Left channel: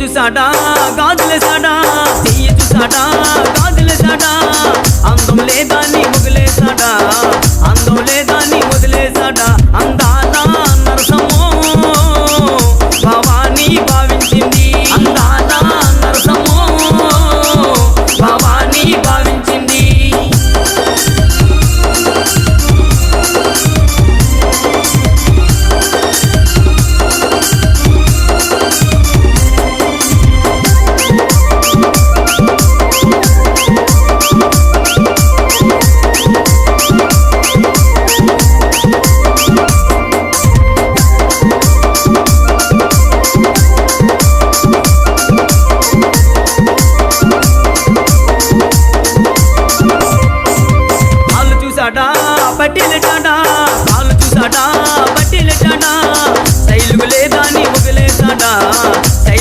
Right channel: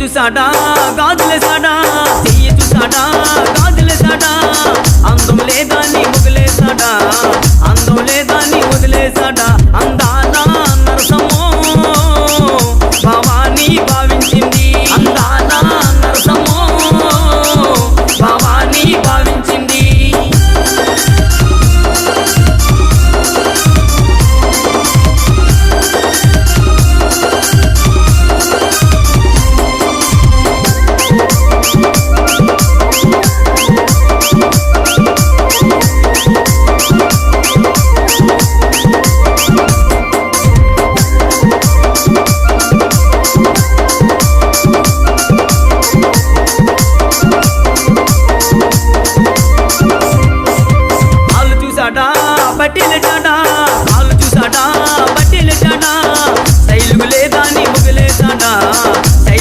చూసాడా గాజులేసాడా, చెయ్యి చూసాడా గాజులేసాడా, అందం లేదా నీ ముగిలేసాడా, అందం లేదా నీ వదిలేసాడా, అందాల నరసమో భవానీ భావి